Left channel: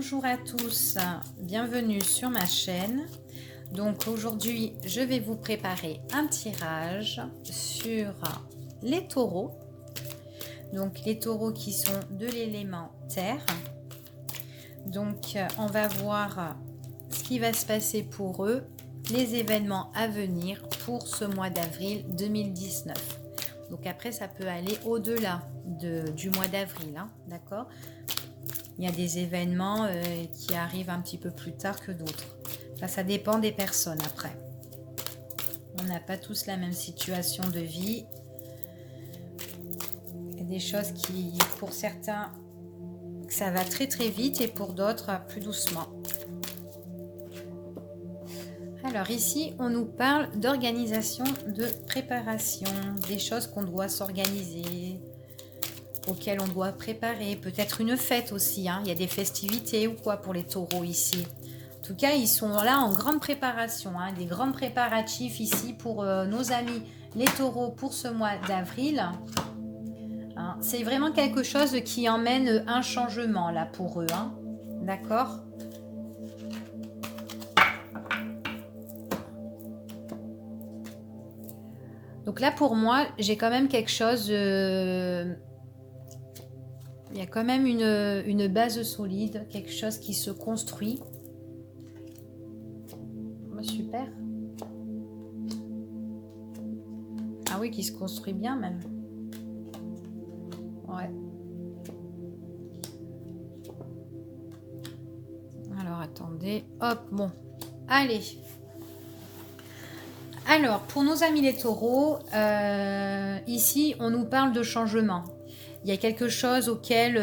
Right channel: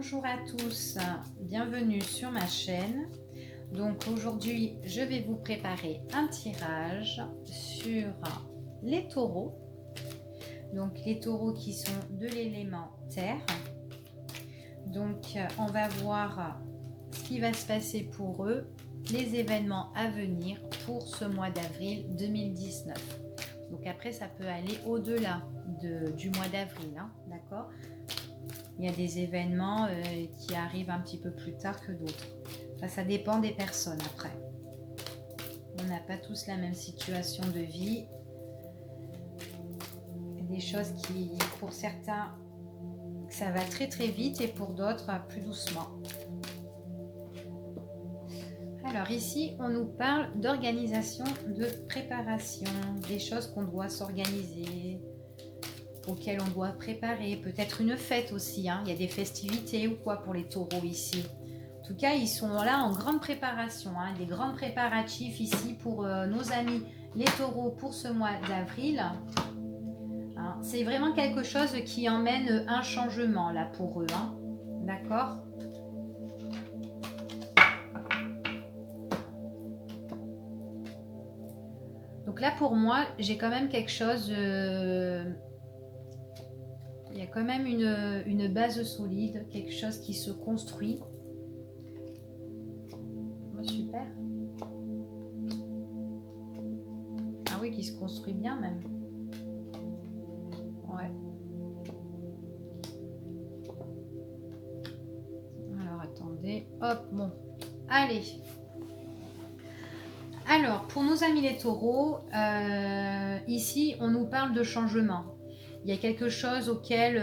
Bonjour à tous, bienvenue sur ma chaîne. Donc aujourd'hui, je vais vous préparer un tirage sur les taureaux. Donc les taureaux qui sont de l'élément terre. Donc on va voir ce qui va se passer pour eux, les événements à venir pour ce mois d'avril 2019. Donc après, ça peut aller au-delà du mois d'avril, hein, d'accord ? Il y a des événements qui arrivent un petit peu plus tard que d'autres. Enfin, ça dépend des personnes après. On n'a pas tous la même situation de vie. Il y a des choses qui, pour certains, ça va très très vite et pour d'autres, plus doucement. Alors ici, on nous parle d'organisation, de préparation, des choses qu'on doit s'organiser, auxquelles on doit préparer, peut-être une fête aussi, hein. Il y a des festivités ou quoi pour les taureaux ici. En tout cas, ils sont là en grande préparation, hein, des grands préparatifs ici pour nos amis les taureaux pour ce mois d'avril. Hein, c'est vraiment quelque chose qui emmène un changement là pour eux, hein. D'accord ? Donc là pour moi, j'ai quand même quelque chose... il y a quand même une base solide, quelque chose qui se construit. Oh, super. Ah oui, qui se construit bien même. Ouais. Alors, attendez. Hop, bon. Allez. Alors, pour nos amis les taureaux, ici, on nous parle de changement. Il y a quelque chose auquel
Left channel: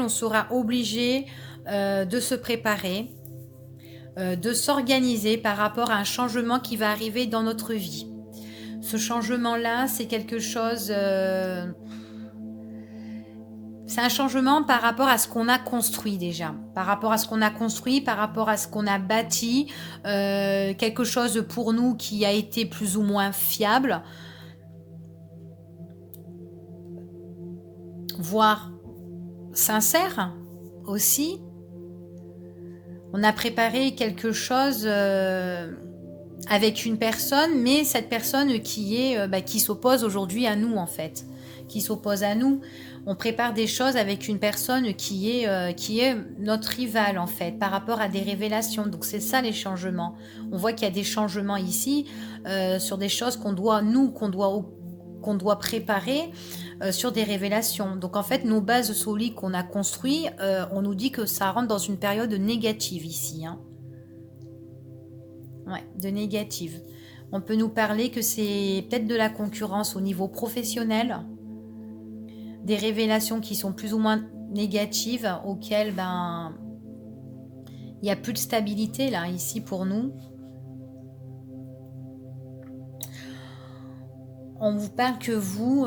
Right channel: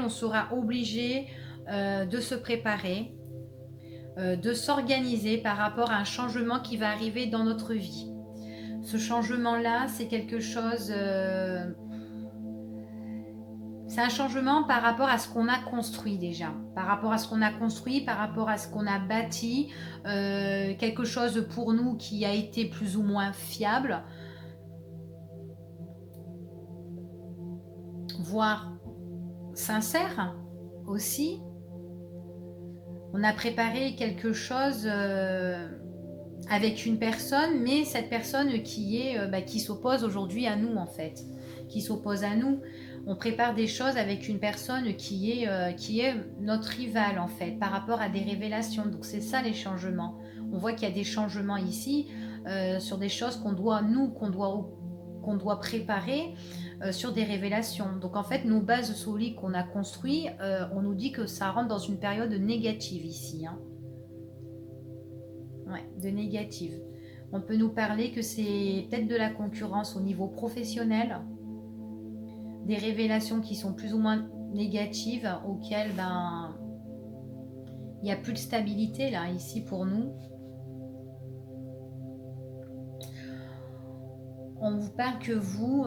on sera obligé de se préparer, de s'organiser par rapport à un changement qui va arriver dans notre vie. Ce changement-là, c'est quelque chose... c'est un changement par rapport à ce qu'on a construit déjà, par rapport à ce qu'on a construit, par rapport à ce qu'on a bâti, quelque chose pour nous qui a été plus ou moins fiable, voire sincère aussi. On a préparé quelque chose avec une personne, mais cette personne qui s'oppose aujourd'hui à nous en fait, qui s'oppose à nous. On prépare des choses avec une personne qui est notre rivale en fait, par rapport à des révélations. Donc c'est ça les changements. On voit qu'il y a des changements ici sur des choses qu'on doit préparer sur des révélations. Donc en fait, nos bases solides qu'on a construites, on nous dit que ça rentre dans une période négative ici. Hein. Ouais, de négative. On peut nous parler que c'est peut-être de la concurrence au niveau professionnel, des révélations qui sont plus ou moins négatives, auxquelles il n'y a plus de stabilité là, ici pour nous. On vous parle que vous,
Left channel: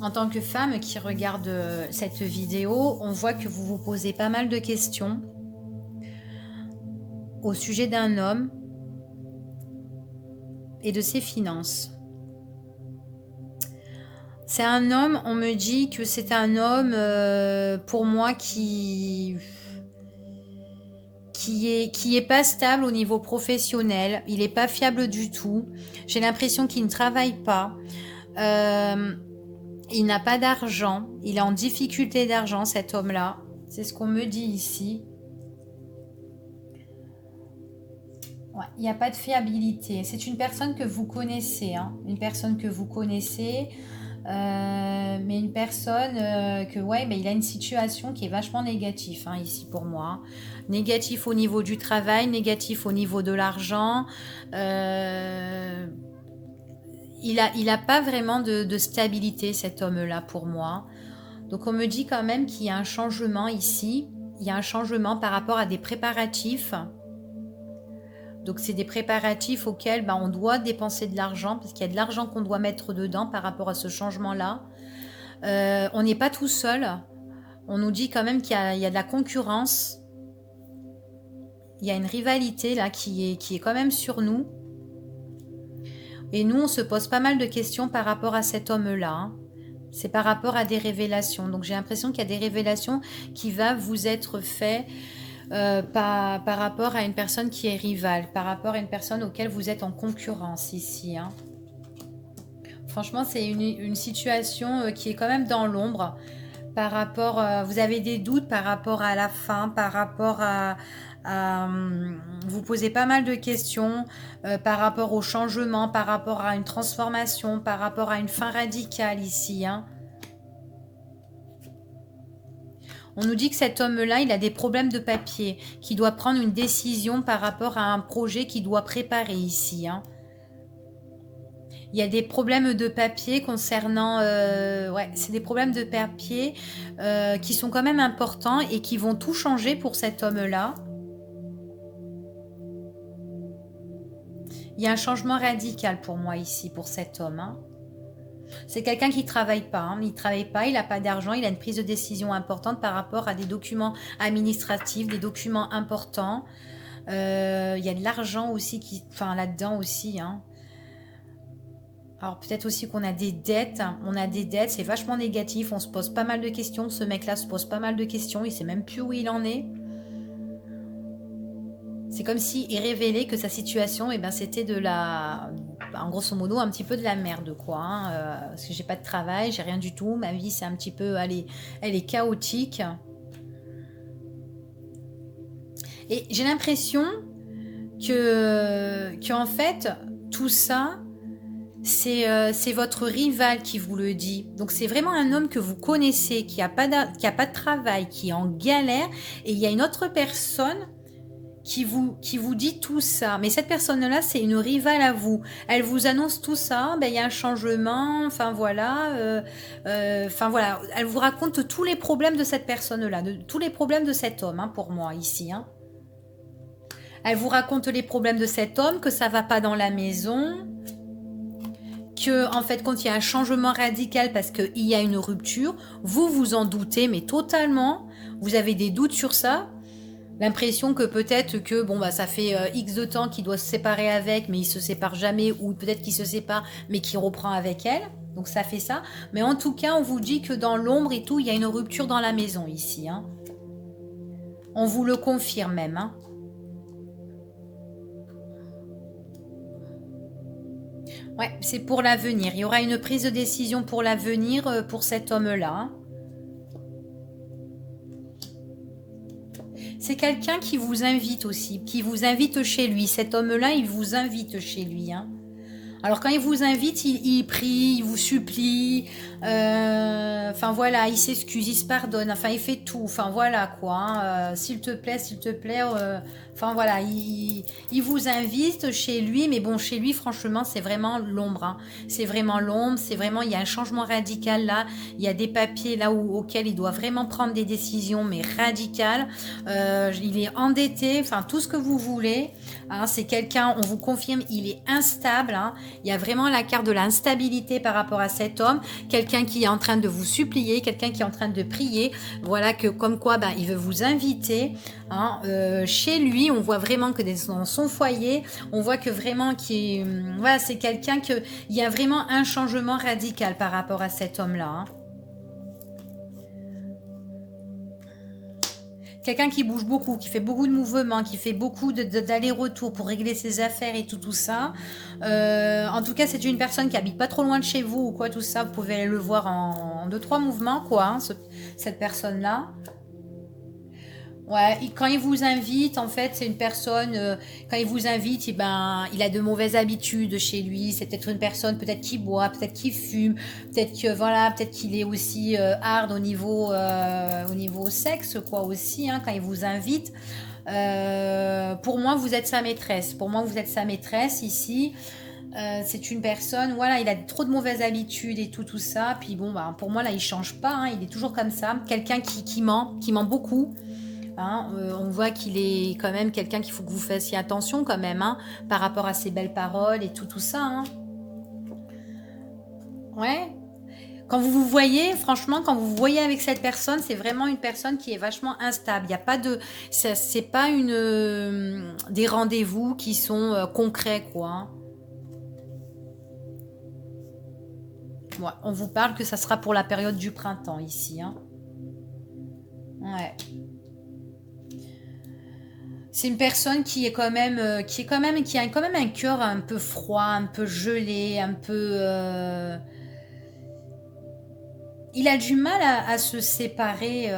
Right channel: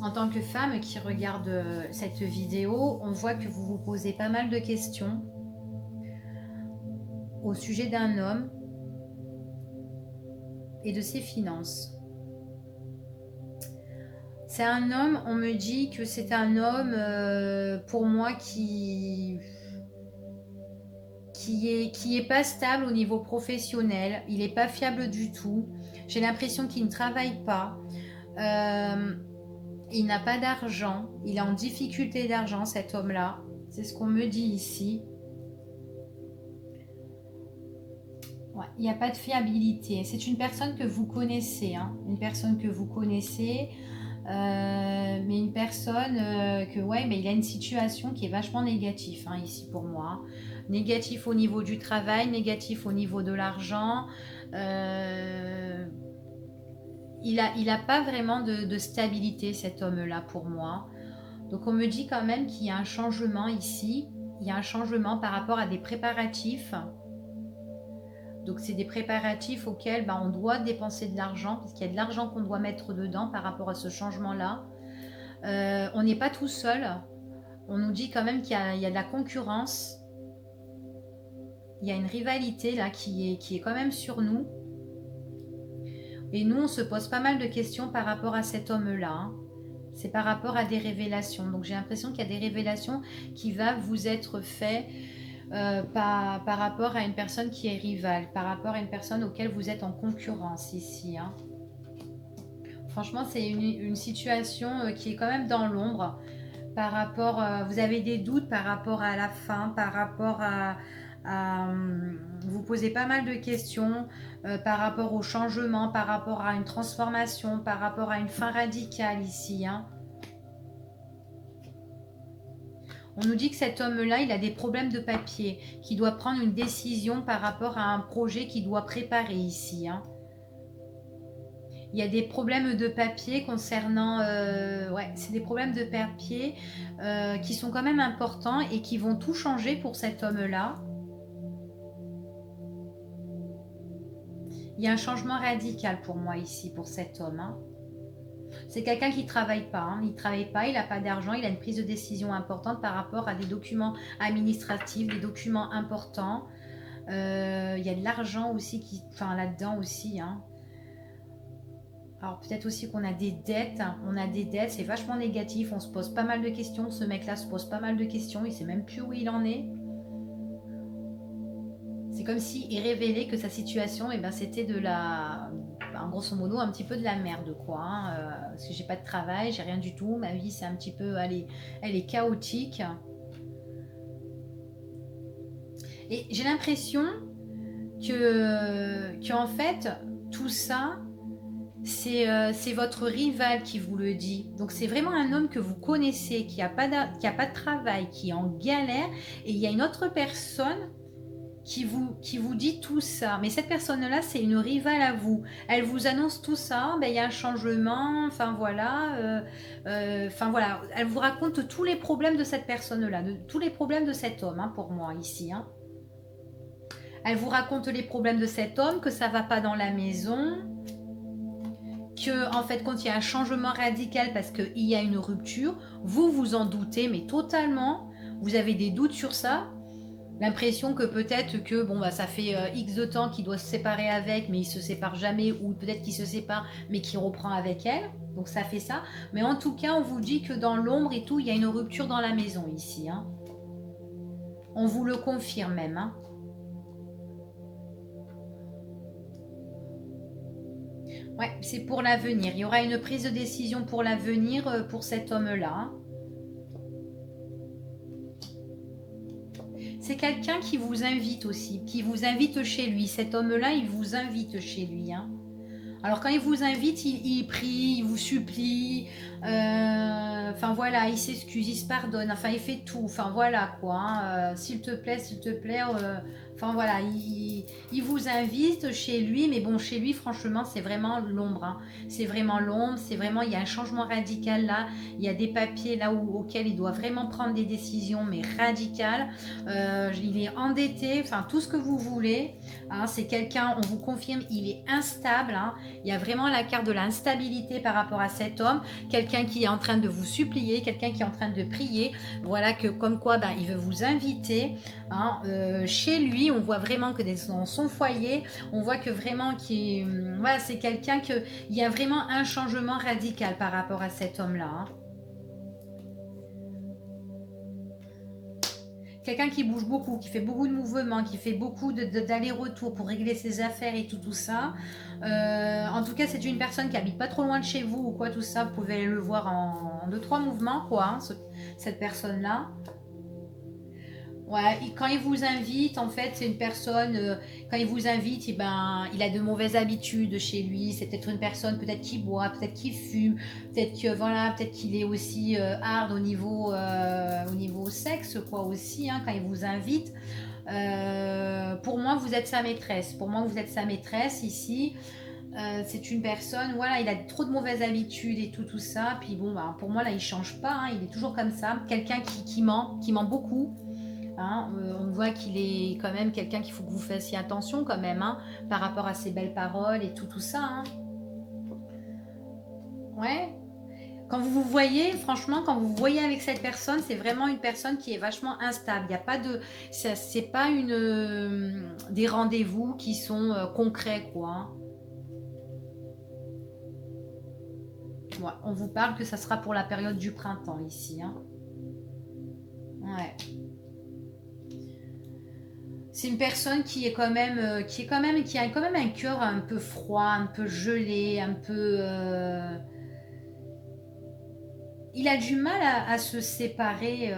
en tant que femme qui regarde cette vidéo, on voit que vous vous posez pas mal de questions au sujet d'un homme et de ses finances. C'est un homme, on me dit que c'est un homme pour moi qui est pas stable au niveau professionnel, il n'est pas fiable du tout. J'ai l'impression qu'il ne travaille pas, il n'a pas d'argent, il est en difficulté d'argent cet homme-là, c'est ce qu'on me dit ici. Ouais, il n'y a pas de fiabilité, c'est une personne que vous connaissez, hein, une personne que vous connaissez, mais une personne il a une situation qui est vachement négative hein, ici pour moi. Hein. Négatif au niveau du travail, négatif au niveau de l'argent. Il a pas vraiment de stabilité cet homme-là pour moi. Donc on me dit quand même qu'il y a un changement ici. Il y a un changement par rapport à des préparatifs. Donc c'est des préparatifs auxquels on doit dépenser de l'argent parce qu'il y a de l'argent qu'on doit mettre dedans par rapport à ce changement-là. On n'est pas tout seul. On nous dit quand même qu'il y a de la concurrence. Il y a une rivalité là qui est quand même sur nous. Et nous, on se pose pas mal de questions par rapport à cet homme-là. Hein. C'est par rapport à des révélations. Donc j'ai l'impression qu'il y a des révélations qui vont vous être faites par rapport à une personne qui est rivale, par rapport à une personne auquel vous êtes en concurrence ici. Hein. Franchement, c'est une situation qui est quand même dans l'ombre. Par rapport, vous avez des doutes par rapport à la fin, par rapport vous posez pas mal de questions par rapport au changement, par rapport à une transformation, par rapport à une fin radicale ici. Hein. On nous dit que cet homme-là, il a des problèmes de papier, qu'il doit prendre une décision par rapport à un projet qu'il doit préparer ici. Hein. Il y a des problèmes de papier concernant... ouais, c'est des problèmes de papier qui sont quand même importants et qui vont tout changer pour cet homme-là. Il y a un changement radical pour moi ici, pour cet homme. Hein. C'est quelqu'un qui ne travaille pas. Hein. Il ne travaille pas, il n'a pas d'argent, il a une prise de décision importante par rapport à des documents administratifs, des documents importants. Il y a de l'argent aussi qui, enfin, là-dedans aussi. Hein. Alors peut-être aussi qu'on a des dettes. On a des dettes, c'est vachement négatif. On se pose pas mal de questions. Ce mec-là se pose pas mal de questions. Il ne sait même plus où il en est. C'est comme s'il révélait que sa situation, eh ben, c'était de la... En grosso modo, un petit peu de la merde, quoi. Hein, parce que j'ai pas de travail, j'ai rien du tout. Ma vie, c'est un petit peu... elle est chaotique. Et j'ai l'impression que en fait, tout ça, c'est votre rival qui vous le dit. Donc c'est vraiment un homme que vous connaissez, qui a pas de travail, qui est en galère. Et il y a une autre personne qui vous dit tout ça. Mais cette personne-là, c'est une rivale à vous. Elle vous annonce tout ça, ben, il y a un changement, enfin voilà. Voilà. Elle vous raconte tous les problèmes de cette personne-là, tous les problèmes de cet homme, hein, pour moi, ici. Hein. Elle vous raconte les problèmes de cet homme, que ça va pas dans la maison, que en fait quand il y a un changement radical parce qu'il y a une rupture, vous vous en doutez, mais totalement, vous avez des doutes sur ça, l'impression que peut-être que bon bah ça fait X de temps qu'il doit se séparer avec, mais il se sépare jamais, ou peut-être qu'il se sépare mais qu'il reprend avec elle, donc ça fait ça, mais en tout cas on vous dit que dans l'ombre et tout, il y a une rupture dans la maison ici, hein. On vous le confirme même, hein. Ouais, c'est pour l'avenir. Il y aura une prise de décision pour l'avenir pour cet homme-là. Hein. C'est quelqu'un qui vous invite aussi, qui vous invite chez lui. Cet homme-là, il vous invite chez lui. Hein. Alors quand il vous invite, il prie, il vous supplie. Enfin voilà, il s'excuse, il se pardonne. Enfin, il fait tout. Enfin voilà quoi. Hein. S'il te plaît, s'il te plaît. Enfin voilà, il vous invite chez lui, mais bon, chez lui, franchement, c'est vraiment l'ombre. Hein. C'est vraiment l'ombre, c'est vraiment, il y a un changement radical là. Il y a des papiers là auxquels il doit vraiment prendre des décisions, mais radicales. Il est endetté, enfin tout ce que vous voulez. Hein, c'est quelqu'un, on vous confirme, il est instable. Hein. Il y a vraiment la carte de l'instabilité par rapport à cet homme. Quelqu'un qui est en train de vous supplier, quelqu'un qui est en train de prier. Voilà que comme quoi, ben, il veut vous inviter. Hein, chez lui, on voit vraiment que dans son foyer, on voit que vraiment voilà, c'est quelqu'un il y a vraiment un changement radical par rapport à cet homme-là. Hein. Quelqu'un qui bouge beaucoup, qui fait beaucoup de mouvements, qui fait beaucoup d'allers-retours pour régler ses affaires et tout ça. En tout cas, c'est une personne qui habite pas trop loin de chez vous ou quoi, tout ça. Vous pouvez aller le voir en 2-3 mouvements, quoi, hein, cette personne-là. Ouais, quand il vous invite, en fait, c'est une personne, quand il vous invite, il a de mauvaises habitudes chez lui. C'est peut-être une personne, peut-être qui boit, peut-être qui fume, peut-être que voilà, peut-être qu'il est aussi hard au niveau sexe, quoi, aussi, hein, quand il vous invite. Pour moi, vous êtes sa maîtresse. Pour moi, vous êtes sa maîtresse ici. C'est une personne, voilà, il a trop de mauvaises habitudes et tout ça. Puis bon, bah, pour moi, là, il change pas. Hein, il est toujours comme ça. Quelqu'un qui ment beaucoup. Hein, on voit qu'il est quand même quelqu'un qu'il faut que vous fassiez attention quand même, hein, par rapport à ses belles paroles et tout ça. Hein. Ouais. Quand vous vous voyez, franchement, quand vous vous voyez avec cette personne, c'est vraiment une personne qui est vachement instable. Il n'y a pas de, c'est pas des rendez-vous qui sont concrets, quoi. Hein. Ouais, on vous parle que ça sera pour la période du printemps ici. Hein. Ouais. C'est une personne qui est quand même, qui a quand même un cœur un peu froid, un peu gelé, un peu. Il a du mal à se séparer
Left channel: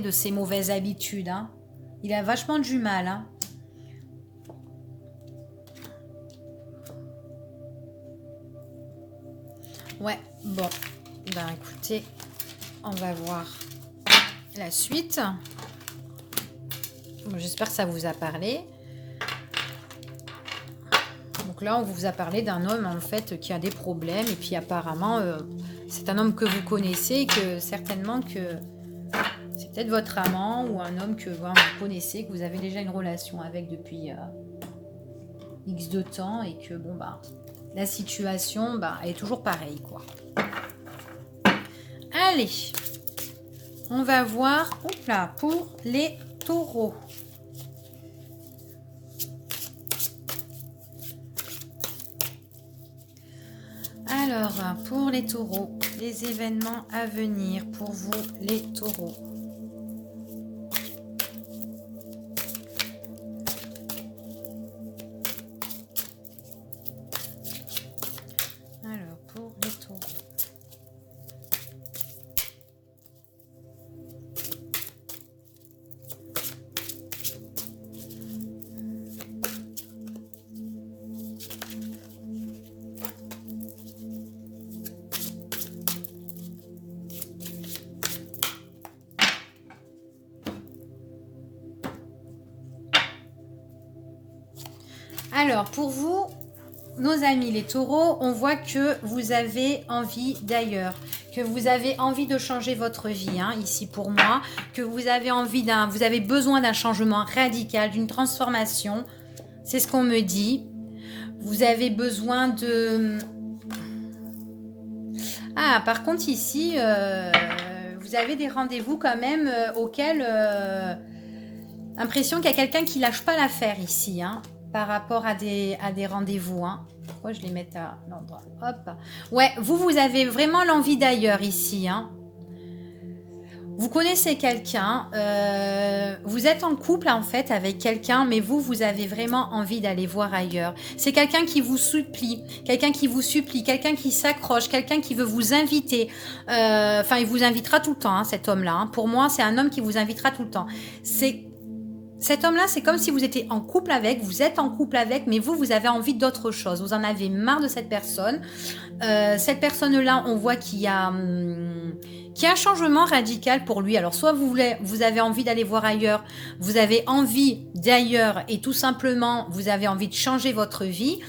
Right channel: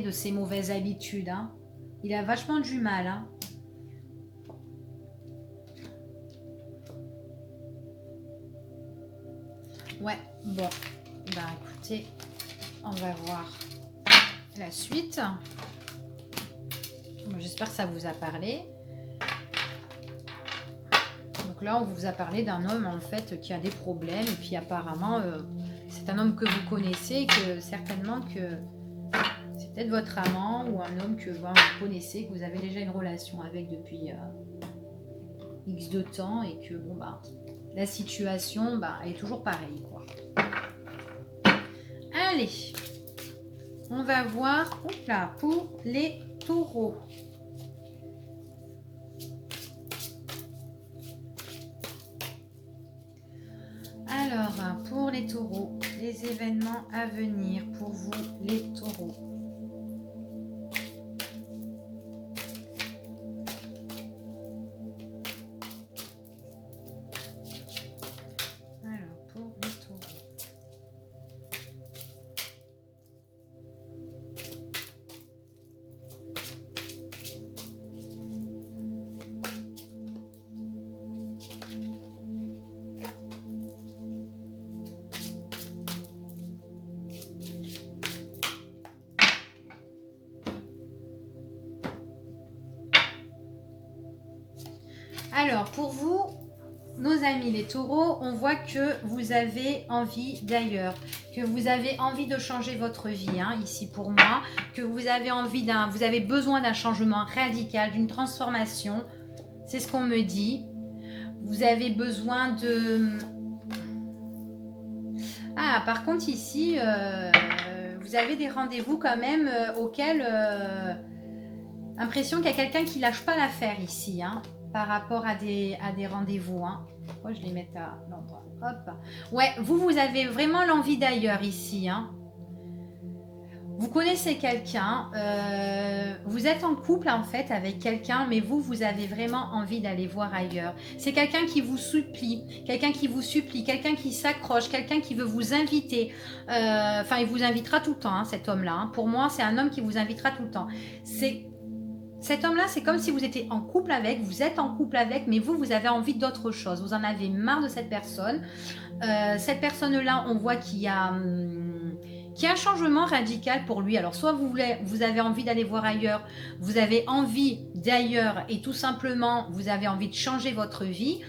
de ses mauvaises habitudes. Hein. Il a vachement du mal. Hein. Ouais, bon. Ben écoutez, on va voir la suite. Bon, j'espère que ça vous a parlé. Donc là, on vous a parlé d'un homme en fait qui a des problèmes et puis apparemment, c'est un homme que vous connaissez et que certainement que c'est peut-être votre amant ou un homme que vous connaissez, que vous avez déjà une relation avec depuis X de temps et que bon bah la situation est toujours pareille quoi. Allez, on va voir pour les taureaux. Alors, pour les taureaux, les événements à venir pour vous, les taureaux. Alors, pour les taureaux. Alors, pour vous, nos amis les taureaux, on voit que vous avez envie d'ailleurs, que vous avez envie de changer votre vie, hein, ici pour moi, que vous avez vous avez besoin d'un changement radical, d'une transformation. C'est ce qu'on me dit. Vous avez besoin de... Ah, par contre ici, vous avez des rendez-vous quand même auxquels... Impression qu'il y a quelqu'un qui lâche pas l'affaire ici, hein, par rapport à des rendez-vous. Hein. Pourquoi je les mets à l'endroit? Hop. Ouais, vous avez vraiment l'envie d'ailleurs ici. Hein. Vous connaissez quelqu'un, vous êtes en couple en fait avec quelqu'un, mais vous avez vraiment envie d'aller voir ailleurs. C'est quelqu'un qui vous supplie, quelqu'un qui s'accroche, quelqu'un qui veut vous inviter. Enfin, il vous invitera tout le temps, hein, cet homme-là. Hein. Pour moi, c'est un homme qui vous invitera tout le temps. Cet homme-là, c'est comme si vous étiez en couple avec, vous êtes en couple avec, mais vous avez envie d'autre chose. Vous en avez marre de cette personne. Cette personne-là, on voit qu'il y a un changement radical pour lui. Alors, soit vous avez envie d'aller voir ailleurs, vous avez envie d'ailleurs et tout simplement, vous avez envie de changer votre vie,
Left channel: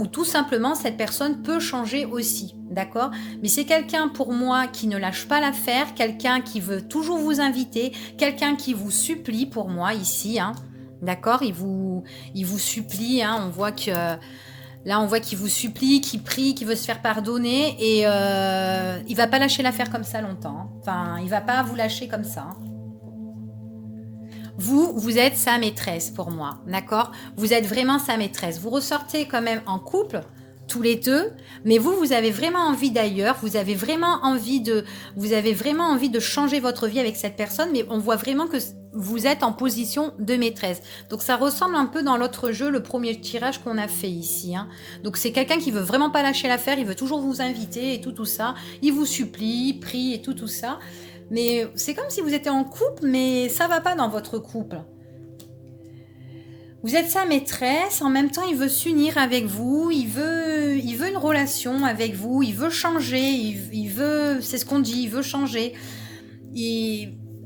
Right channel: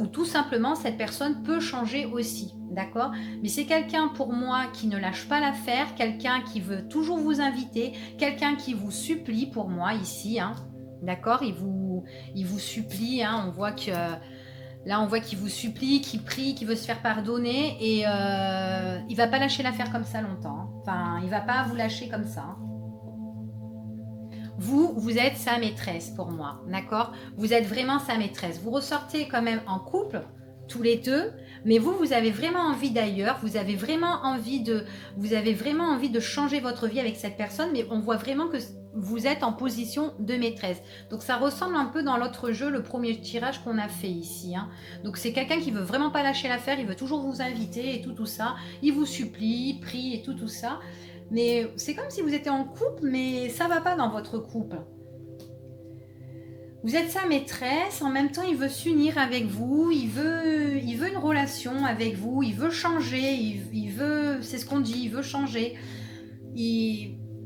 ou tout simplement, cette personne peut changer aussi, d'accord? Mais c'est quelqu'un pour moi qui ne lâche pas l'affaire, quelqu'un qui veut toujours vous inviter, quelqu'un qui vous supplie pour moi ici, hein, d'accord? Il vous supplie, hein, on voit que... Là, on voit qu'il vous supplie, qu'il prie, qu'il veut se faire pardonner et il va pas lâcher l'affaire comme ça longtemps. Hein. Enfin, il va pas vous lâcher comme ça. Hein. Vous êtes sa maîtresse pour moi, d'accord? Vous êtes vraiment sa maîtresse. Vous ressortez quand même en couple, tous les deux, mais vous avez vraiment envie d'ailleurs, vous avez vraiment envie de changer votre vie avec cette personne, mais on voit vraiment que vous êtes en position de maîtresse. Donc ça ressemble un peu dans l'autre jeu, le premier tirage qu'on a fait ici. Hein. Donc c'est quelqu'un qui veut vraiment pas lâcher l'affaire, il veut toujours vous inviter et tout ça. Il vous supplie, prie et tout ça. Mais c'est comme si vous étiez en couple, mais ça va pas dans votre couple. Vous êtes sa maîtresse, en même temps il veut s'unir avec vous, il veut une relation avec vous, il veut changer, il veut, c'est ce qu'on dit, il veut changer.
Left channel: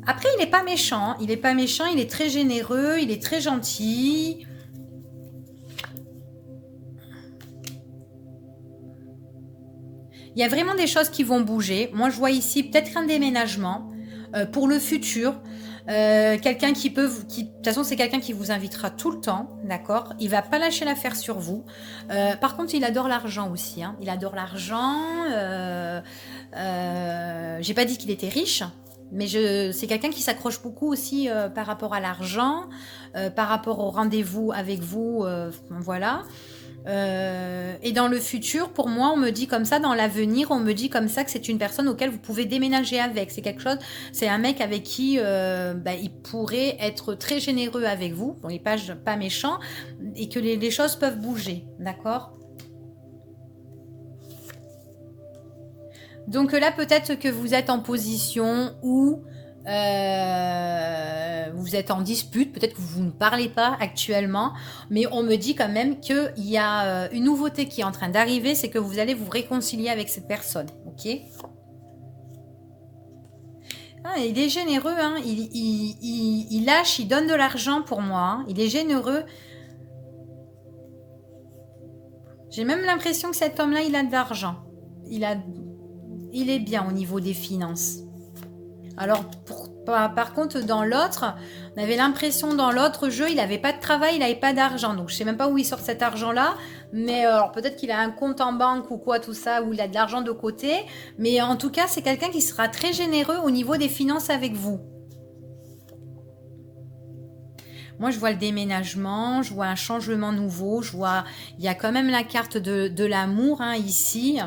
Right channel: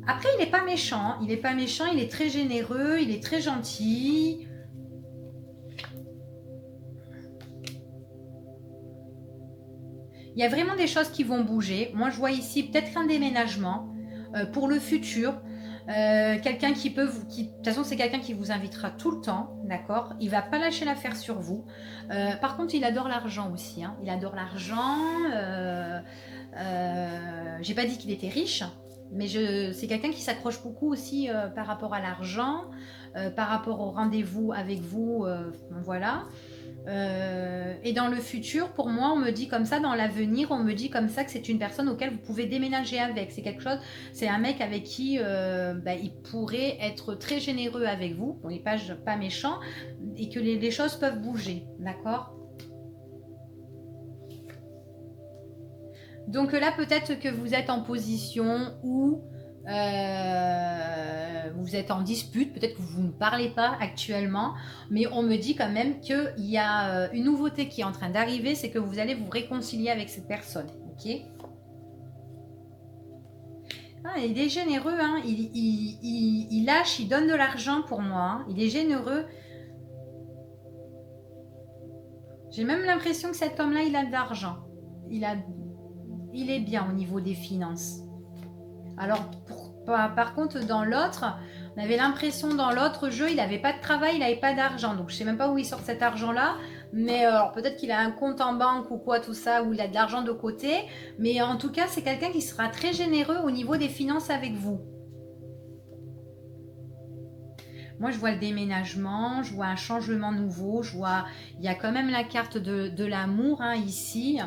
Après il n'est pas méchant, il est très généreux, il est très gentil. Il y a vraiment des choses qui vont bouger. Moi je vois ici peut-être un déménagement pour le futur. Quelqu'un de toute façon c'est quelqu'un qui vous invitera tout le temps, d'accord? Il va pas lâcher l'affaire sur vous. Par contre il adore l'argent aussi, hein. Il adore l'argent. J'ai pas dit qu'il était riche, mais c'est quelqu'un qui s'accroche beaucoup aussi par rapport à l'argent, par rapport au rendez-vous avec vous, voilà. Et dans le futur, pour moi, on me dit comme ça, dans l'avenir, on me dit comme ça que c'est une personne auquel vous pouvez déménager avec. C'est quelque chose, c'est un mec avec qui il pourrait être très généreux avec vous. Bon, il n'est pas méchant et que les choses peuvent bouger, d'accord? Donc là, peut-être que vous êtes en position où vous êtes en dispute, peut-être que vous ne parlez pas actuellement, mais on me dit quand même qu'il y a une nouveauté qui est en train d'arriver, c'est que vous allez vous réconcilier avec cette personne, ok? Ah, il est généreux, hein. Il lâche, il donne de l'argent pour moi, hein. Il est généreux. J'ai même l'impression que cet homme-là, il a de l'argent. Il est bien au niveau des finances. Alors, par contre, dans l'autre, on avait l'impression dans l'autre jeu, il n'avait pas de travail, il n'avait pas d'argent. Donc, je ne sais même pas où il sort cet argent-là. Mais alors, peut-être qu'il a un compte en banque ou quoi, tout ça, où il a de l'argent de côté. Mais en tout cas, c'est quelqu'un qui sera très généreux au niveau des finances avec vous. Moi, je vois le déménagement, je vois un changement nouveau, il y a quand même la carte de l'amour, hein, ici.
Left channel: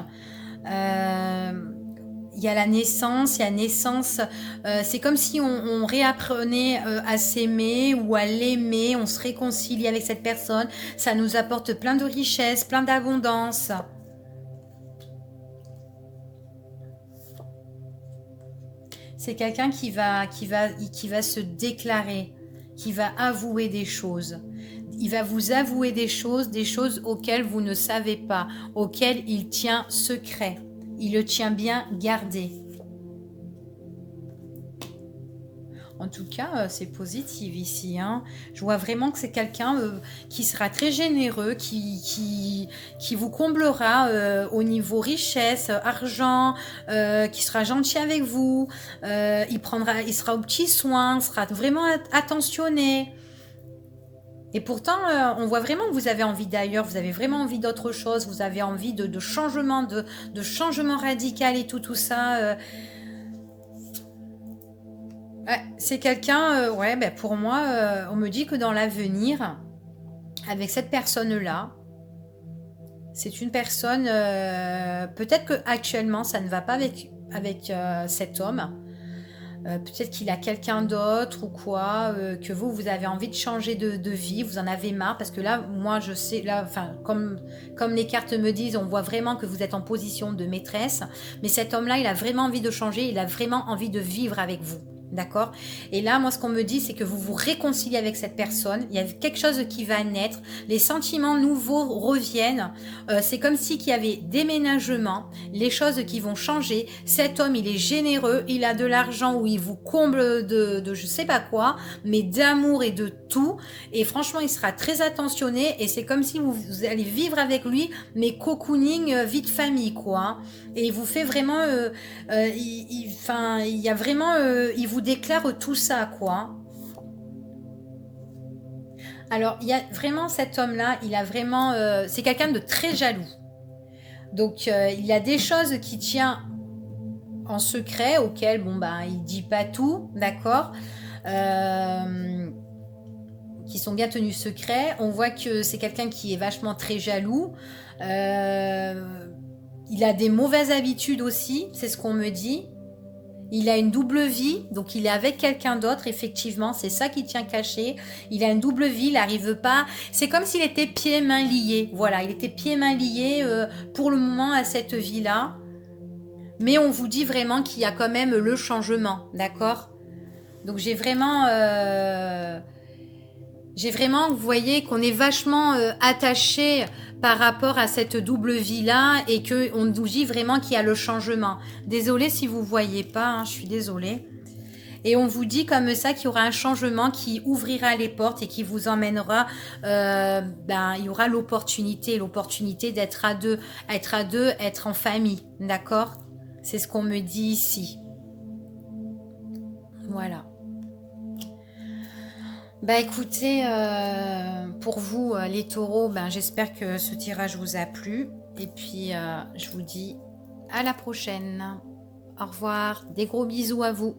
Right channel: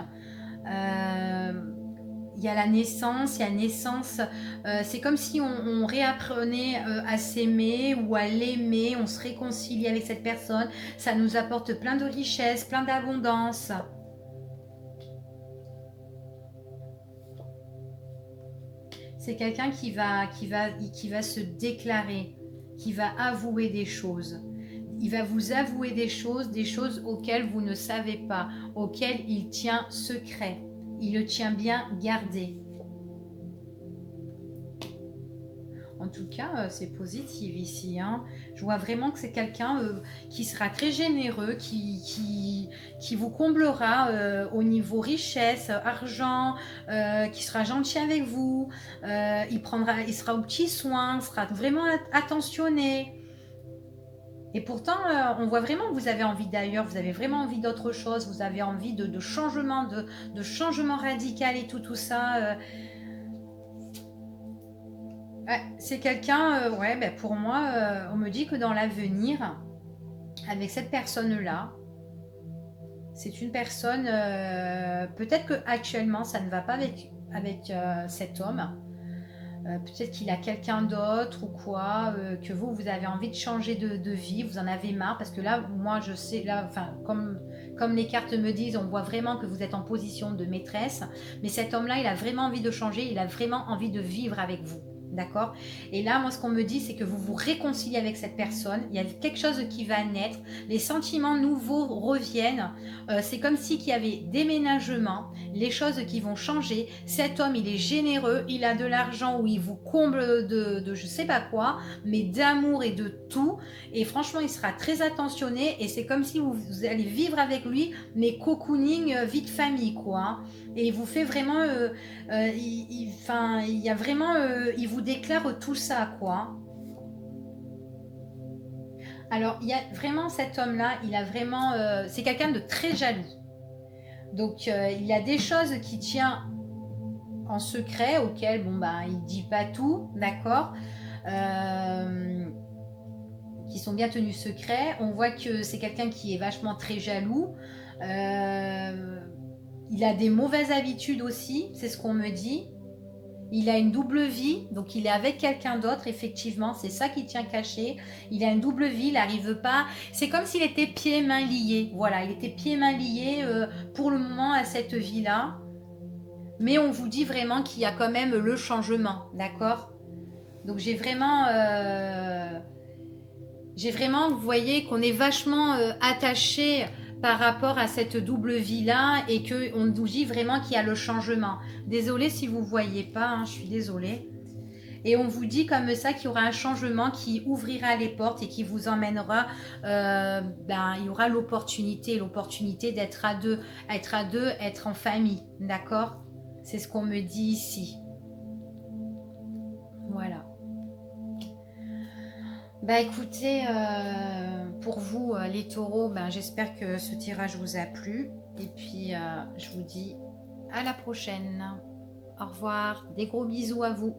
Il y a la naissance, il y a naissance. C'est comme si on réapprenait à s'aimer ou à l'aimer, on se réconcilie avec cette personne. Ça nous apporte plein de richesses, plein d'abondance. C'est quelqu'un qui va se déclarer, qui va avouer des choses. Il va vous avouer des choses auxquelles vous ne savez pas, auxquelles il tient secret. Il le tient bien gardé. En tout cas, c'est positif ici, hein. Je vois vraiment que c'est quelqu'un qui sera très généreux, qui vous comblera au niveau richesse, argent, qui sera gentil avec vous. Il sera aux petits soins, sera vraiment attentionné. Et pourtant, on voit vraiment que vous avez envie d'ailleurs, vous avez vraiment envie d'autre chose, vous avez envie de changement, de changement radical et tout ça. Ouais, c'est quelqu'un, pour moi, on me dit que dans l'avenir, avec cette personne-là, c'est une personne, peut-être que actuellement ça ne va pas avec cet homme. Peut-être qu'il a quelqu'un d'autre ou quoi, que vous avez envie de changer de vie, vous en avez marre, parce que là, moi, je sais, là, enfin, comme les cartes me disent, on voit vraiment que vous êtes en position de maîtresse, mais cet homme-là, il a vraiment envie de changer, il a vraiment envie de vivre avec vous. D'accord? Et là, moi, ce qu'on me dit, c'est que vous vous réconciliez avec cette personne. Il y a quelque chose qui va naître. Les sentiments nouveaux reviennent. C'est comme si qu'il y avait déménagement, les choses qui vont changer. Cet homme, il est généreux, il a de l'argent où il vous comble de je sais pas quoi, mais d'amour et de tout. Et franchement, il sera très attentionné. Et c'est comme si vous allez vivre avec lui, mais cocooning, vie de famille, quoi, hein. Et il vous fait vraiment, il y a vraiment, il vous déclare tout ça, quoi. Alors, il y a vraiment cet homme-là, il a vraiment, c'est quelqu'un de très jaloux. Donc, il y a des choses qui tient en secret, auxquelles, bon, ben, il dit pas tout, d'accord, qui sont bien tenus secrets. On voit que c'est quelqu'un qui est vachement très jaloux. Il a des mauvaises habitudes aussi, c'est ce qu'on me dit. Il a une double vie, donc il est avec quelqu'un d'autre, effectivement, c'est ça qui tient caché. Il a une double vie, il n'arrive pas. C'est comme s'il était pieds-mains liés. Voilà, il était pieds-mains liés pour le moment à cette vie-là. Mais on vous dit vraiment qu'il y a quand même le changement, d'accord? Donc j'ai vraiment, vous voyez, qu'on est vachement attaché par rapport à cette double vie-là et qu'on nous dit vraiment qu'il y a le changement. Désolée si vous ne voyez pas, hein, je suis désolée. Et on vous dit comme ça qu'il y aura un changement qui ouvrira les portes et qui vous emmènera, il y aura l'opportunité d'être à deux, être en famille, d'accord? C'est ce qu'on me dit ici. Voilà. Bah écoutez, pour vous les taureaux, j'espère que ce tirage vous a plu. Et puis je vous dis à la prochaine. Au revoir, des gros bisous à vous.